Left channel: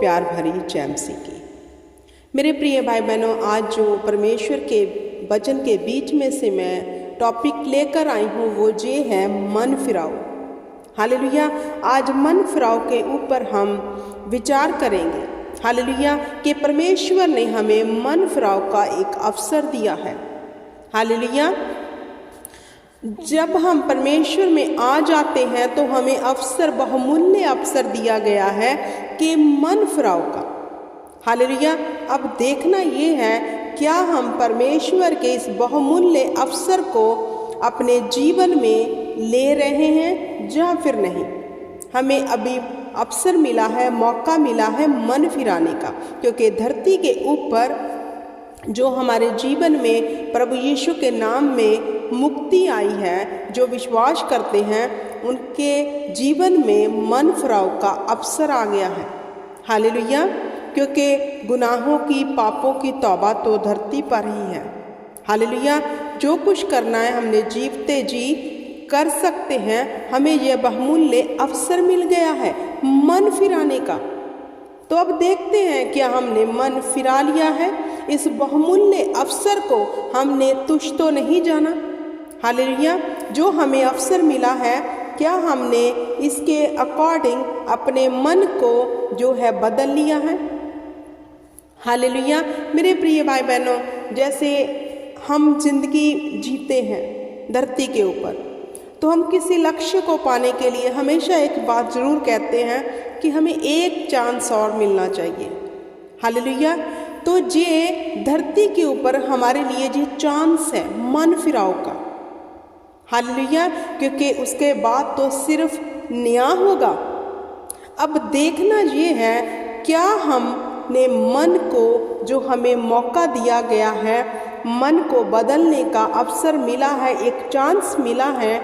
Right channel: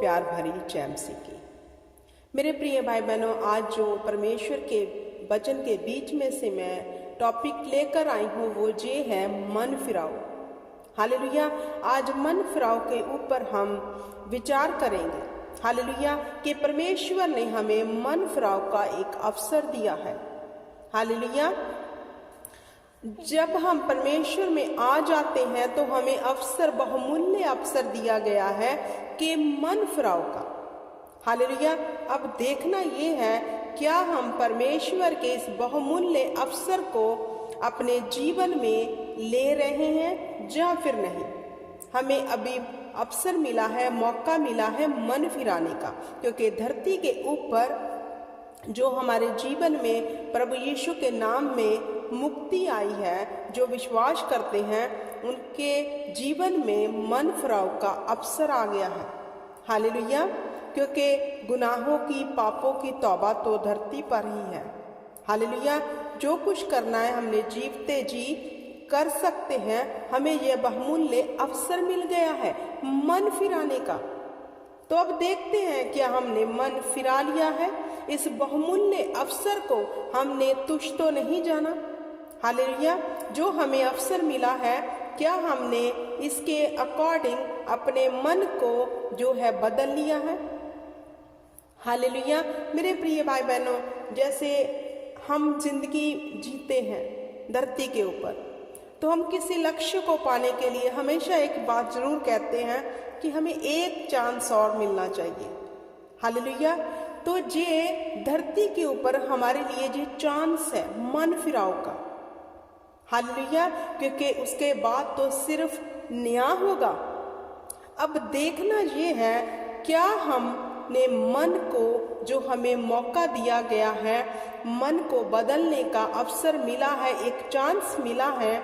प्यार भरी जय मसीह की। मेरे प्रिय भाई बहनों, आज जो परमेश्वर के वचन के बीच में से मैं टॉपिक लेकर आई हूँ वो ये है मन फिराओ। हालेलुया। आज मन फिराओ के ऊपर हम विचार करेंगे। हालेलुया कि परमेश्वर ने हमें मन फिराओ का एक अवसर दिया है। हालेलुया। जब हम परमेश्वर में आ जाते हैं तो हमें अवसर, बहुमूल्य अवसर दिया गया है कि मन फिराओ का। हालेलुया। अब देखना ये है, क्या हम परमेश्वर के इस बहुमूल्य अवसर को अपने जीवन में ले रहे हैं या फिर नहीं। हमें अभी अवसर मिला है, मौका मिला है मन फिराने का, क्योंकि धरती के ऊपर जो हमारे जीवन में प्रभु यीशु के नाम में मुक्ति आई है, जो विश्वास करते हैं उनके जीवन में मन फिराव का अवसर आ गया है। हालेलुया। क्योंकि गुनाहों की, पापों की तौबा तो धरती पर ही है। हालेलुया। जो कुछ करना है हमने जीवते जी कर सकते हैं। हमें यह बहुमूल्य अवसर मिल गया है मन फिराने का। तो अब देखते हैं क्या हमने मन फिरा लिया है। इस बहुमूल्य अवसर को हमने तुच्छ तो नहीं जाना। हालेलुया। जो हमें अवसर मिला है, क्या हमने इसके अकॉर्डिंग अपने मन को जो है बदल लिया है। हालेलुया। मेरे प्रिय भाई बहनों, जैसे हम जिंदगी जीते हैं धरती के ऊपर, तो हम किसी लक्ष्य को पाने के लिए हमेशा एक बात जरूर कहते हैं कि हमें एक चांस और मिलना चाहिए। हालेलुया। तो ये धरती के ऊपर हमारे लिए ये चांस है मन फिराव का। हालेलुया। क्योंकि उसके बाद तो सिर्फ न्याय होगा। अब देखना ये है, क्या हमने मन को, जो हमें मौका दिया गया है, मन को बदलने का अवसर मिला है, एक चांस मिला है,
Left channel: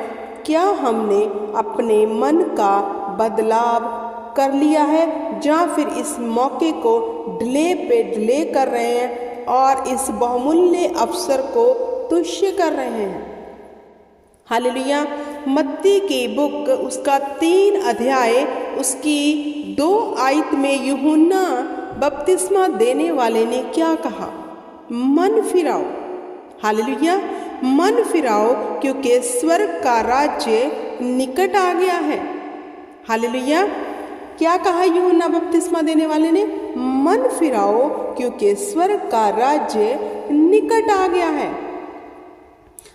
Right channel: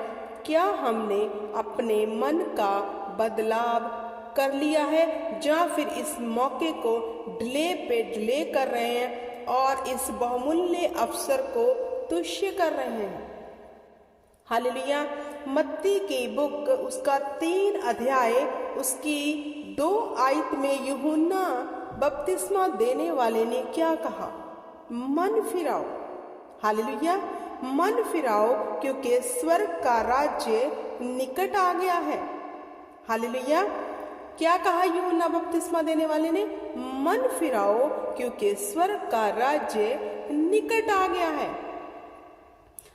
क्या हमने अपने मन का बदलाव कर लिया है या फिर इस मौके को डिले पे डिले कर रहे हैं और इस बहुमूल्य अवसर को तुच्छ कर रहे हैं। हालेलुया। मत्ती की बुक उसका 3 अध्याय उसकी 2 आयत में यूहन्ना बपतिस्मा देने वाले ने क्या कहा? मन फिराओ। हालेलुया। मन फिराओ क्योंकि स्वर्ग का राज्य निकट आ गया है। हालेलुया। क्या कहा यूहन्ना बपतिस्मा देने वाले ने? मन फिराओ क्योंकि स्वर्ग का राज्य निकट आ गया है।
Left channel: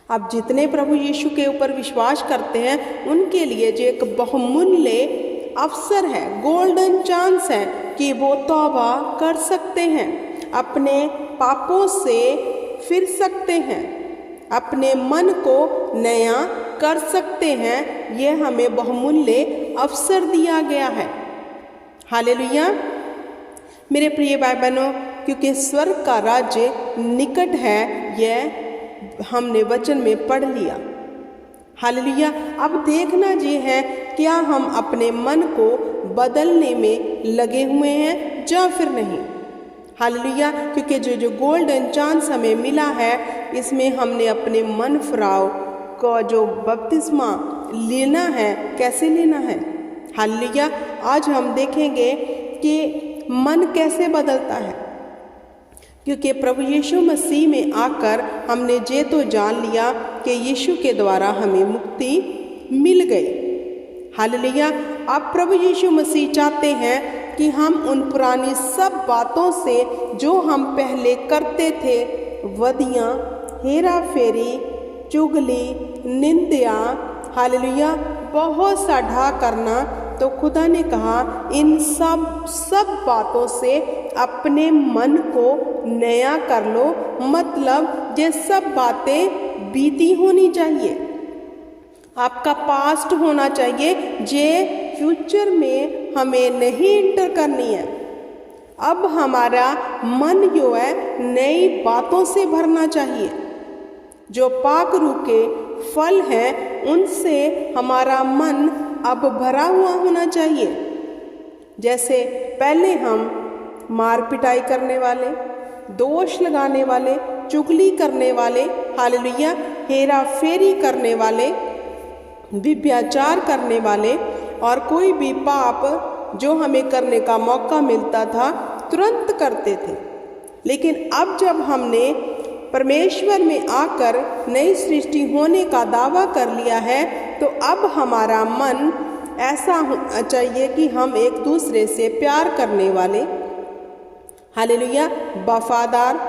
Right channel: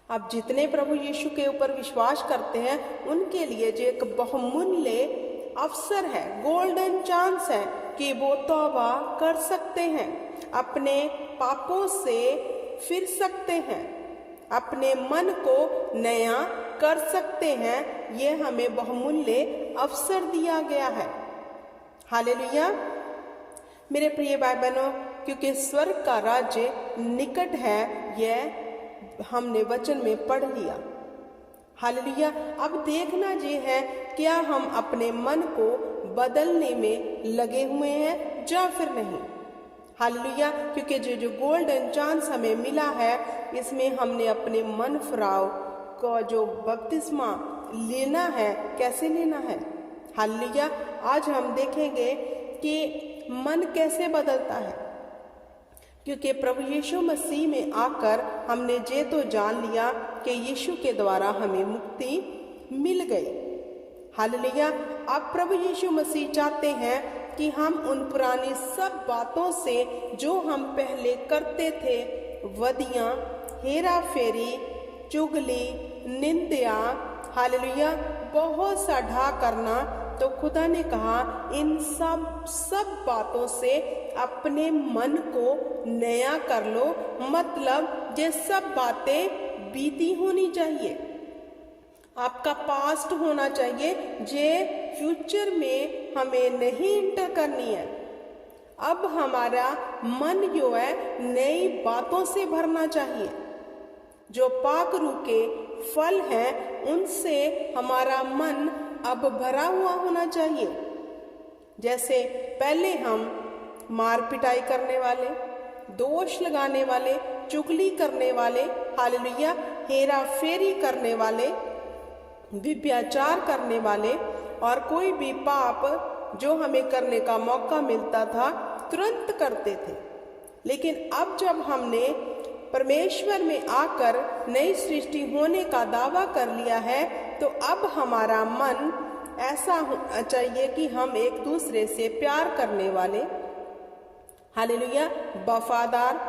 अब जितने प्रभु यीशु के ऊपर विश्वास करते हैं उनके लिए जो एक बहुमूल्य अवसर है, गोल्डन चांस है कि वो तौबा कर सकते हैं, अपने पापों से फिर सकते हैं, अपने मन को नया कर सकते हैं। ये हमें बहुमूल्य अवसर दिया गया है। हालेलुया। मेरे प्रिय भाई बहनों, क्योंकि स्वर्ग का राज्य निकट है, यह हमने वचन में पढ़ लिया। हालेलुया। अब देखना ये है, क्या हम अपने मन को बदलने में लगे हुए हैं या फिर नहीं। हालेलुया। क्योंकि जो गोल्डन चांस हमें मिला है, इसमें हमने अपने मन फिराव को जो बपतिस्मा लेना है, कैसे लेना है। हालेलुया। आज हम देखेंगे कि मन कैसे बदलता है, क्योंकि प्रभु यीशु मसीह में आकर हमने ये तो जान लिया कि यीशु के द्वारा हमें मुक्ति मिल गई। हालेलुया। अब प्रभु यीशु मसीह चाहते हैं कि हम उन पुरानी सब बातों से जो हम पहले करते थे, वदियाँ, हेरा फेरी, चुगली, निंदा, हालेलुया, बहुत सा ढा करना, तो खुदा ने कहा इन सब बातों से अपने मन को नया कर लो। मतलब ये सब बातें बीती होनी चाहिए, आपका पास्ट होना चाहिए, ये फ्यूचर में हमें नहीं इंटर करनी है। अब हमारा मन जो है नई बातों से भरना चाहिए। जो पाक रूह के फल हैं उनसे हमारा मन अब भरा हुआ होना चाहिए। जैसे पहले हम मार पिटाई करने वाले, दोष लगाने वाले, चुगली करने वाले, हालेलुया, हेरा फेरी करने वाले, व्यभिचार करने वाले और कोई भी पाप जो हमें करने का मौका मिलता था तुरंत करते थे। लेकिन अब जब हमने परमेश्वर में आकर नई सृष्टि होने का दावा कर लिया है, तो अब हमारा मन ऐसा होना चाहिए कि हम एक दूसरे से प्यार करने वाले, हालेलुया, वफादार,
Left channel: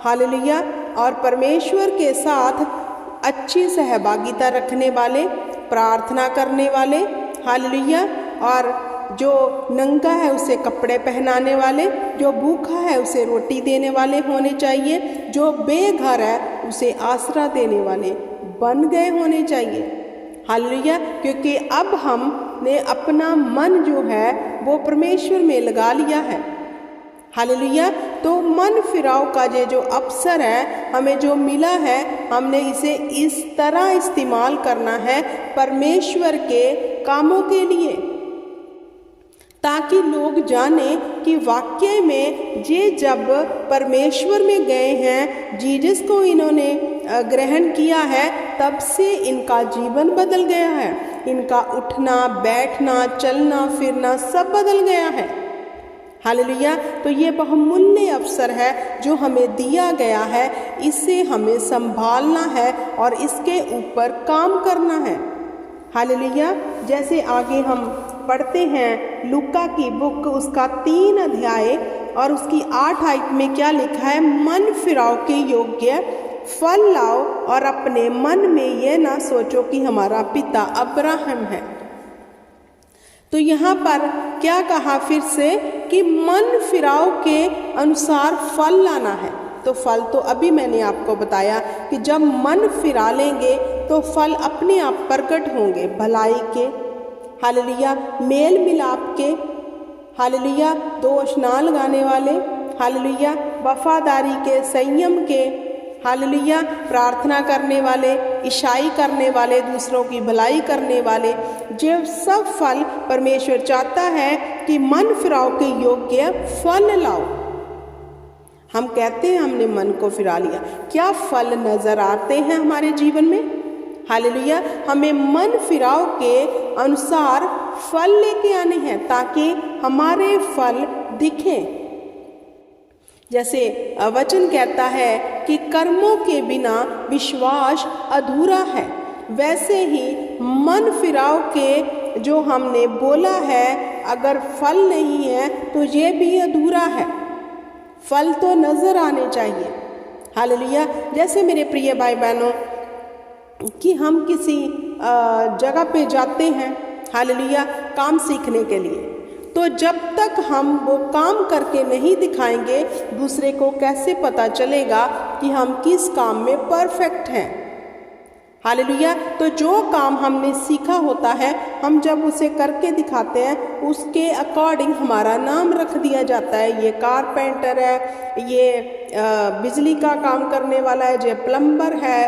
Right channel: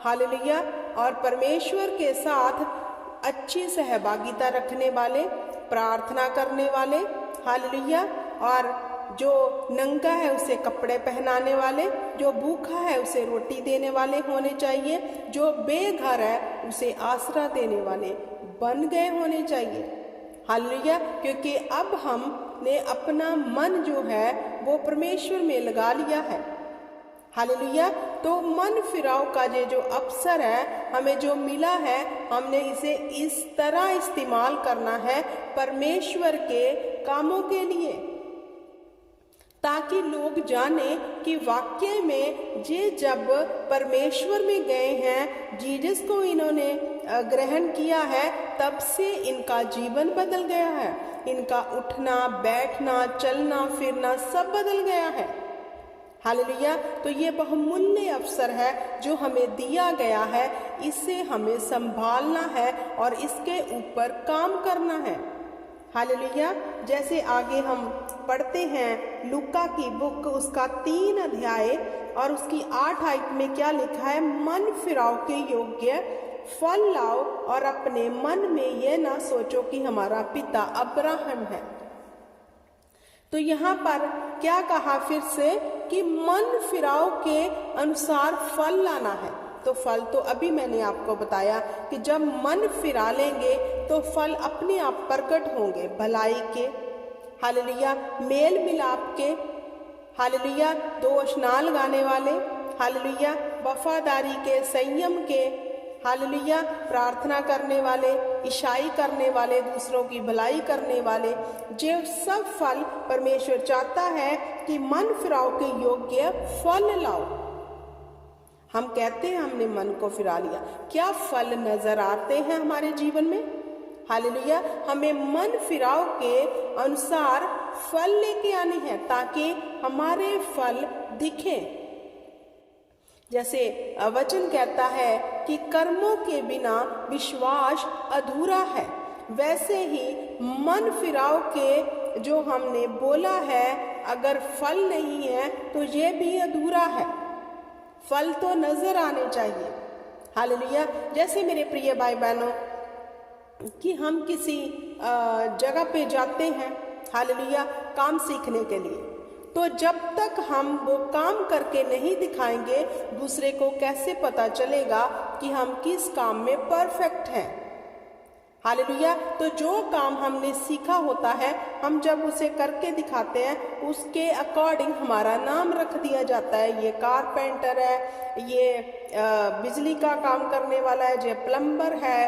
हालेलुया, और परमेश्वर के साथ अच्छी सहभागिता रखने वाले, प्रार्थना करने वाले, हालेलुया, और जो नंगा है उसे कपड़े पहनाने वाले, जो भूखा है उसे रोटी देने वाले होने चाहिए, जो बेघर है उसे आसरा देने वाले बन गए होने चाहिए, हालेलुया। क्योंकि अब हमने अपना मन जो है वो परमेश्वर में लगा लिया है, हालेलुया। तो मन फिराव का ये जो अवसर है हमें जो मिला है, हमने इसे इस तरह इस्तेमाल करना है परमेश्वर के कामों के लिए, ताकि लोग जाने कि वाकई में ये जब परमेश्वर में गए हैं, जीसस को इन्होंने ग्रहण किया है, तब से इनका जीवन बदल गया है, इनका उठना बैठना चलना फिरना सब बदल गया है, हालेलुया। तो ये बहुमूल्य अवसर है जो हमें दिया गया है, इसे हमें संभालना है और इसके ऊपर काम करना है, हालेलुया। जैसे आगे हम पढ़ते हैं लूका की बुक उसका 3 अध्याय और उसकी 8 आयत में क्या लिखा है, मन फिराव के योग्य फल लाओ और अपने मन में यह ना सोचो कि हमारा पिता अब्राहम है। तो यहाँ पर क्या कहा फिर से कि मन फिराव के अनुसार फल लाना है। तो फल तो अभी मैंने आपको बताया कि जब मन फिरा लेंगे तो फल अपने आप प्रकट होंगे, भलाई के, हालेलुया, मेल मिलाप के, हालेलुया, दो अशना लगाने वाले, हालेलुया, वफादारी के, संयम के, हालेलुया, प्रार्थना करने वाले, ईसाई करने वाले, दूसरों की भलाई करने वाले, जो सब फल परमेश्वर चाहता है कि मन फिराव के योग्य फल लाओ। हम कहते हैं हमने मन को फिरा लिया, क्या फल नजर आते हैं हमारे जीवन में, हालेलुया। हमें मन फिराव के अनुसार फल लेके आने हैं ताकि हमारे फल दिखें। जैसे वचन कहता है कि कर्मों के बिना विश्वास अधूरा है, वैसे ही मन फिराव के जो हमने बोला है अगर फल नहीं है तो ये भी अधूरा है, फल तो नजर आने चाहिए, हालेलुया। जैसे मेरे प्रिय भाई बहनों कि हम किसी जगह पे जाते हैं, हालेलुया, काम सीखने के लिए, तो जब तक हम वो काम करके नहीं दिखाएंगे दूसरे को कैसे पता चलेगा कि हम किस काम में परफेक्ट हैं, हालेलुया। तो जो काम हमने सीखा होता है हम जब उसे करके दिखाते हैं उसके अकॉर्डिंग हमारा नाम रख दिया जाता है, ये कारपेंटर है, ये बिजली का काम करने वाला है, ये प्लम्बर है,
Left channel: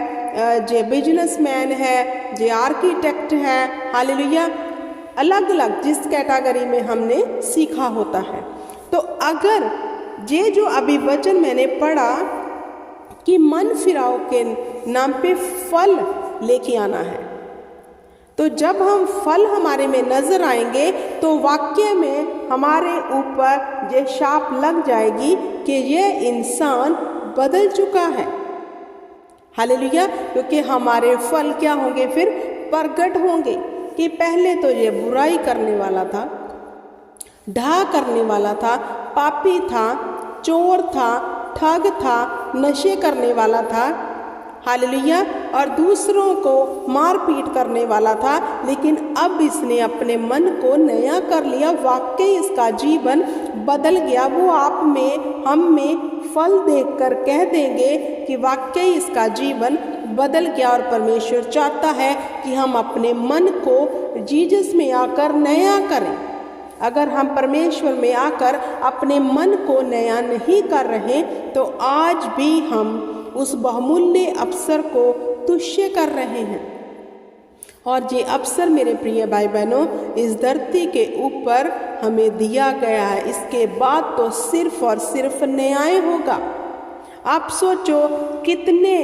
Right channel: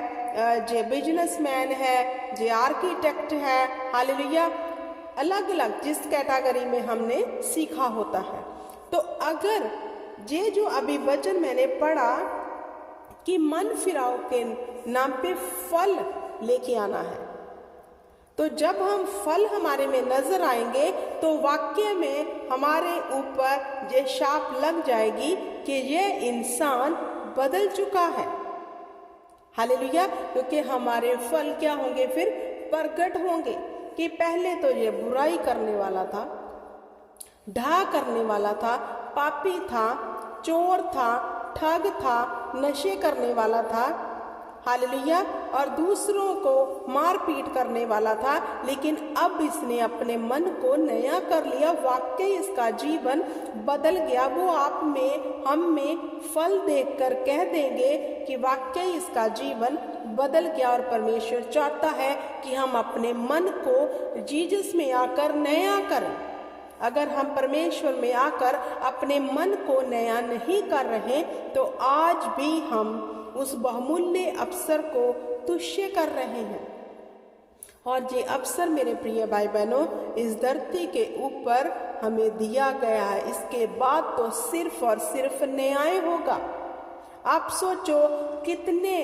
ये बिजनेसमैन है, ये आर्किटेक्ट है, हालेलुया, अलग अलग जिस कैटेगरी में हमने सीखा होता है। तो अगर ये जो अभी वचन मैंने पढ़ा कि मन फिराव के नाम पे फल लेके आना है, तो जब हम फल हमारे में नजर आएंगे तो वाक्य में हमारे ऊपर ये शाप लग जाएगी कि ये इंसान बदल चुका है, हालेलुया। क्योंकि हमारे फल क्या होंगे, फिर प्रकट होंगे कि पहले तो ये बुराई करने वाला था, ढा करने वाला था, पापी था, चोर था, ठग था, नशे करने वाला था, हालेलुया, और दूसरों को मार पीट करने वाला था, लेकिन अब इसने अपने मन को नया कर लिया, वाकई इसका जीवन बदल गया। वो आप में हम में फल देखकर कह देंगे कि वाकई इसका जीवन बदल गया। और परमेश्वर चाहता है कि हम अपने मन को जीसस में आकर नया करें। अगर हम परमेश्वर में आकर अपने मन को नया नहीं कर रहे तो आज भी हम उस बहुमूल्य अवसर को तुच्छ कर रहे हैं। और ये अवसर मेरे प्रिय भाई बहनों इस धरती के ऊपर हमें दिया गया है, इसके बाद तो सिर्फ और सिर्फ न्याय होगा। आप सोचो कितने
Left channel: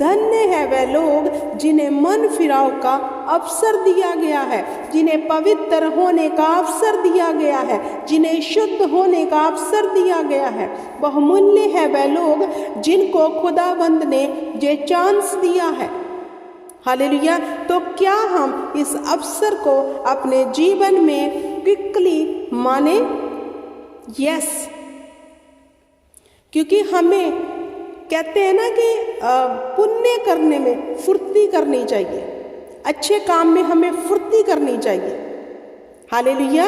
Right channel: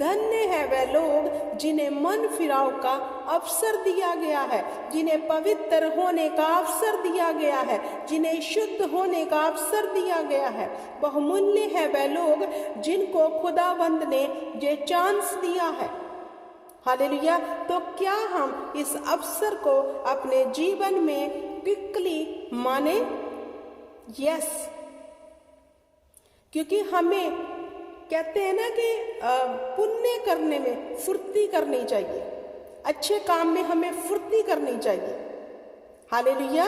धन्य है वे लोग जिन्हें मन मन फिराव का अवसर दिया गया है, जिन्हें पवित्र होने का अवसर दिया गया है, जिन्हें शुद्ध होने का अवसर दिया गया है। बहुमूल्य है वह लोग जिनको खुदाबंद ने ये चांस दिया है। हालेलुया। तो क्या हम इस अवसर को अपने जीवन में क्विकली माने? यस। क्योंकि हमें कहते हैं ना कि पुण्य करने में फुर्ती करनी चाहिए, अच्छे काम में हमें फुर्ती करनी चाहिए। हालेलुया।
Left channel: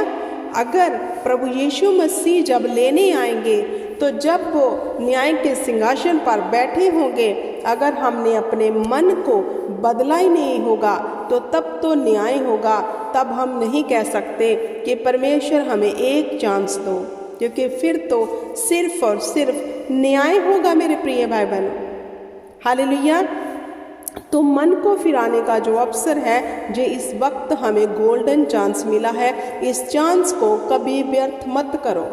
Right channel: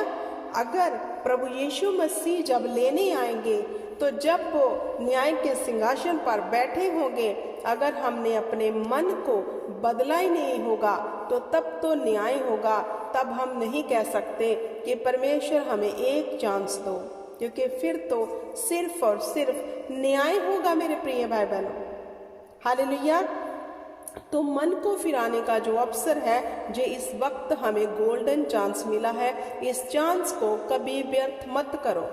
अगर प्रभु यीशु मसीह जब लेने आएंगे, तो जब वो न्याय के सिंहासन पर बैठे होंगे, अगर हमने अपने मन को बदला ही नहीं होगा तो तब तो न्याय होगा। तब हम नहीं कह सकते कि परमेश्वर हमें एक चांस दो, क्योंकि फिर तो सिर्फ और सिर्फ न्याय होगा मेरे प्रिय भाई बहनों। हालेलुया। तो मन को फिराने का जो अवसर है, जो इस वक्त हमें गोल्डन चांस मिला है, इस चांस को कभी व्यर्थ मत करो।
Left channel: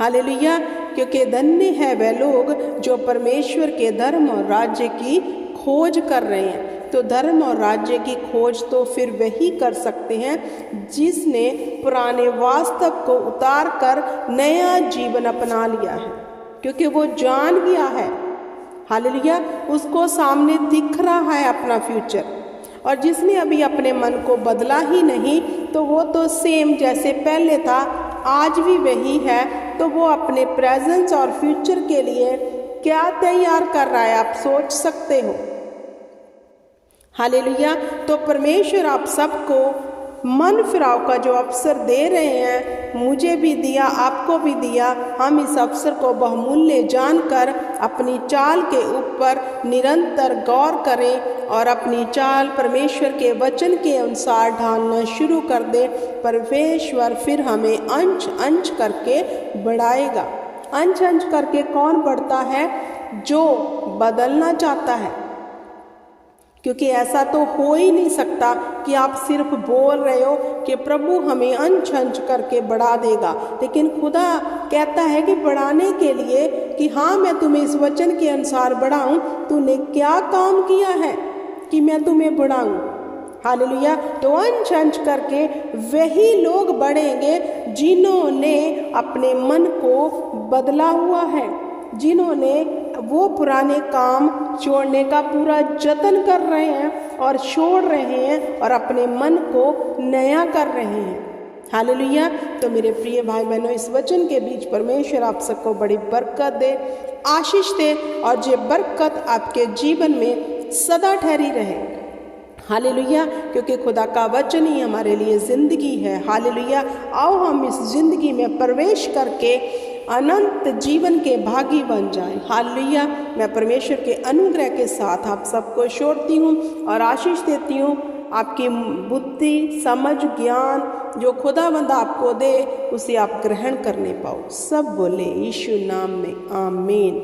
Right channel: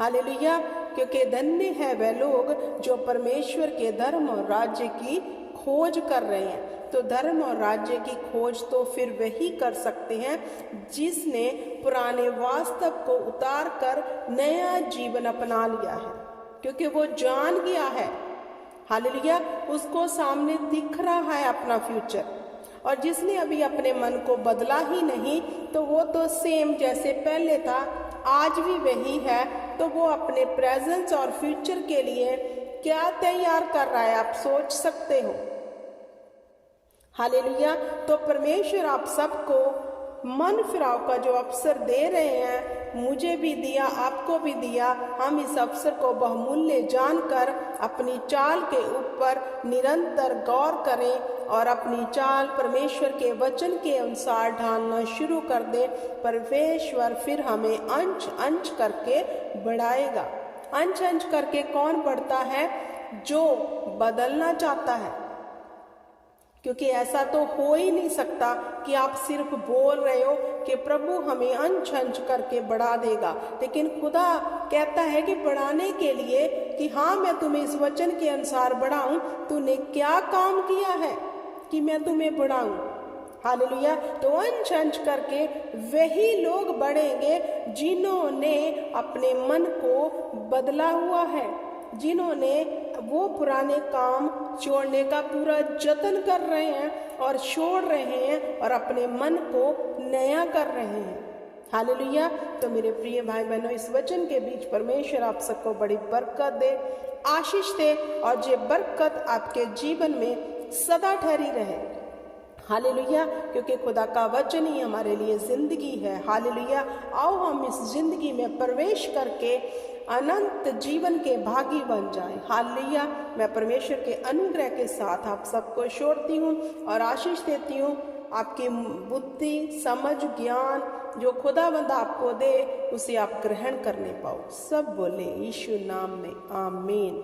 हालेलुया। क्योंकि धन्य है वह लोग जो परमेश्वर के धर्म और राज्य की खोज कर रहे हैं। तो धर्म और राज्य की खोज तो फिर वही कर सकते हैं जिसने पुराने वास्तव को उतार कर नया जीवन अपना लिया है, क्योंकि वो जान गया है। हालेलुया। उसको सामने दिख रहा है अपना फ्यूचर। और जिसने अभी अपने मन को बदला ही नहीं, तो वो तो सेम जैसे पहले था आज भी वही है। तो वो अपने प्रेजेंस और फ्यूचर के लिए क्या तैयार कर रहा है, आप सोच सकते हो। हालेलुया। तो परमेश्वर आप सबको मन फिराव का जो अवसर दे रहे हैं, मुझे भी दिया, आपको भी दिया। हम इस अवसर को बहुमूल्य जानकर अपनी चाल के ऊपर निरंतर गौर करें और अपनी चाल परमेश्वर के वचन के अनुसार ढालना शुरू कर दें। परमेश्वर फिर हमें अंश अंश करके बढ़ाएगा। अंश अंश करके कौन बढ़ता है? जो बदलना चाहता है। क्योंकि ऐसा तो हो ही नहीं सकता कि आप सिर्फ बोल रहे हो कि प्रभु हमें अंश अंश करके बढ़ा देगा, लेकिन खुदा कहता है कि बढ़ाने के लिए कि हाँ मैं तुम्हें इस वचन के अनुसार बढ़ाऊं, तूने क्या काम किया है कि मैं तुम्हें बढ़ाऊं। हालेलुया। तो अंश अंश करके वही लोग बढ़ेंगे जिन्होंने अपने मन को बदला हुआ है, जिन्होंने वो पुराने काम छोड़ने का पूरा जतन कर रहे हैं और छोड़ रहे हैं और अपने मन को नया कर रहे हैं। हालेलुया। तो मेरे प्रिय भाई बहनों, इस वचन के बीच परमेश्वर आप सबको बड़ी बरकत दे, आशीष दे, और ये बरकत आपके जीवन में सदा ठहरी रहे। हालेलुया। क्योंकि खुदा का वचन ही हमारे लिए ज़िंदगी है। हालेलुया। आओ हम इस ज़िंदगी में प्रवेश करके अनंत जीवन के भागी बन जाएं। हालेलुया। मैं परमेश्वर के अनुग्रह के साथ आप सबको छोड़ती हूँ और आशीष देती हूँ। आपकी बुद्धि, समझ, ज्ञान जो खुदावंद आपको दे, उसे आप ग्रहण करने पाओ। सब बोले यीशु नाम में आमीन।